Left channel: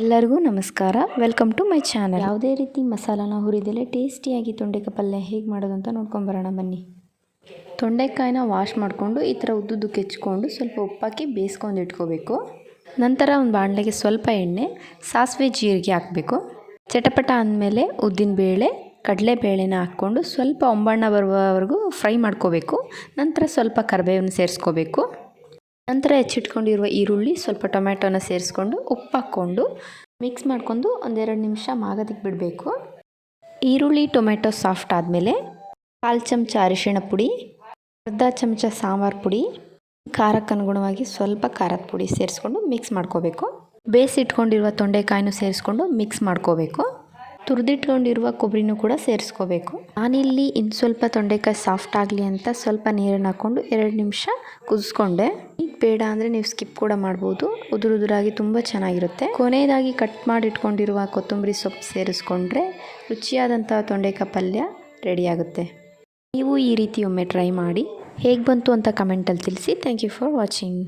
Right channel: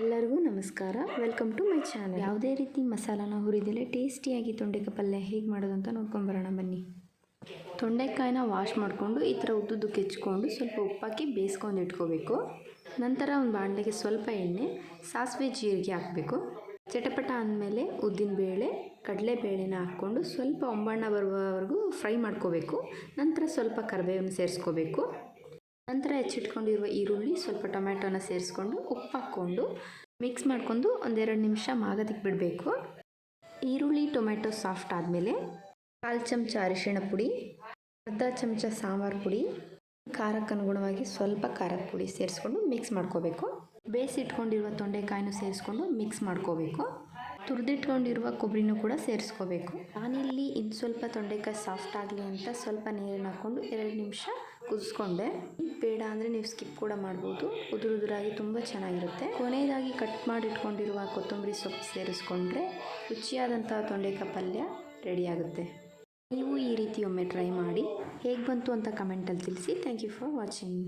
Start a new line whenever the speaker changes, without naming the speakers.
ಎಲ್ಲರಿಗೂ ನಮಸ್ಕಾರ. Welcome to my channel ಯಾವುದೇ ರೀತಿ ಮಸಾಲಾನ ಹುರಿದಲೆ ಟೇಸ್ಟಿಯಾಗಿ ತೊಂಡೆಕಾಯಿ ಪಲ್ಯ ಹೇಗೆ ಮಾಡೋದು ಅಂತ ನೋಡ್ಕೊಂಬರೋಣ ಬನ್ನಿ. ತೊಂಡೆಕಾಯಿನ ವಾಶ್ ಮಾಡಿಕೊಂಡು ಈ ಥರ ಉದ್ದುದ್ದು ಕೆಚ್ಕೊಂಡು ಸ್ವಲ್ಪ ಉಪ್ಪಾಕಿ ಬೇಯಿಸ್ಕೊಂಡು ಇಟ್ಕೋಬೇಕು. ನಂತರ ಒಂದು ಬಾಣಲೆಗೆ ಸ್ವಲ್ಪ ಎಣ್ಣೆ, ಸಾಸಿವೆ ಜೀರಿಗೆ ಹಾಕಬೇಕು. ಚಟಪಟ ಅಂದಮೇಲೆ ಕಡಲೆ ಕಡಲೆಬೇಳೆನ ಹಾಕ್ಕೊಂಡು ಸ್ವಲ್ಪ ಒಂಬಣ್ಣ ಬರುವವರೆಗೂ ಫ್ರೈ ಮಾಡ್ಕೋಬೇಕು. ನಂತರ ಸ್ವಲ್ಪ ಕರಿಬೇವನ್ನು ಸೇರಿಸ್ಕೋಬೇಕು. ನಂತರ ಹೆಚ್ಚಿಟ್ಕೊಂಡಿರುವ ಈರುಳ್ಳಿ ಸ್ವಲ್ಪ ಟೊಮ್ಯಾಟೋನ ಸೇರಿಸ್ಕೊಂಡು ಉಪ್ಪು ಹಾಕ್ಕೊಂಡು ಮಿಕ್ಸ್ ಮಾಡ್ಕೊಂಡು ಒಂದೆರಡು ನಿಮಿಷ ಮಾಗೋದಕ್ಕೆ ಬಿಡಬೇಕು. ಈರುಳ್ಳಿ ಟೊಮೆಟೊ ಸಾಫ್ಟ್ ಆದಮೇಲೆ ಕಾಲು ಚಮಚ ಅರಿಶಿಣ ಪುಡಿ, ಅರ್ಧ ಚಮಚ ಸಾಂಬಾರು ಪುಡಿ, ಖಾರಕ್ಕೆ ಅನುಗುಣವಾಗಿ ಸ್ವಲ್ಪ ಖಾರದ ಪುಡಿ ಸೇರಿಸ್ಕೊಂಡು ಮಿಕ್ಸ್ ಮಾಡ್ಕೋಬೇಕು. ಬೇಯಿಸಿಟ್ಕೊಂಡಿರುವ ತೊಂಡೆಕಾಯಿನೂ ಸೇರಿಸ್ಕೊಂಡು ಮಿಕ್ಸ್ ಮಾಡ್ಕೋಬೇಕು. ತುರಿದಿಟ್ಕೊಂಡಿರುವ ಕೊಬ್ಬರಿನೂ ಕೂಡ ಸೇರಿಸ್ಕೋಬೇಕು. ನಾನಿಲ್ಲಿ ಇನ್ನು ಸ್ವಲ್ಪ ತೊಂಡೆಕಾಯಿ ಸಾಫ್ಟ್ ಆಗಲಿ ಅಂತ ಸ್ವಲ್ಪ ನೀರನ್ನು ಹಾಕ್ಕೊಂಡು ಎರಡು ನಿಮಿಷ ಕುದಿಸ್ಕೊಂಡೆ. ಈಗ ಬೇಡ ಅಂದರೆ ನೀವು ಸ್ಕಿಪ್ ಕೂಡ ಮಾಡ್ಬೋದು. ಉದುರು ಉದುರಾಗಿ ತುಂಬ ಚೆನ್ನಾಗಿರುತ್ತೆ. ಕೊನೆಯದಾಗಿ ಕಟ್ ಮಾಡಿ ಇಟ್ಕೊಂಡಿರುವ ಕೊತ್ತಂಬರಿ ಸೊಪ್ಪು ಸೇರಿಸ್ಕೊಂಡ್ರೆ ರುಚಿಯಾದಂಥ ತೊಂಡೆಕಾಯಿ ಪಲ್ಯ ರೆಡಿಯಾಗುತ್ತೆ ನೀವು ಈ ರೀತಿ ಒಮ್ಮೆ ಟ್ರೈ ಮಾಡಿ. ಹೇಗೆ ಬಂತು ಅಂತ ಕಮೆಂಟಲ್ಲಿ ತಿಳಿಸಿ. Thank you for watching.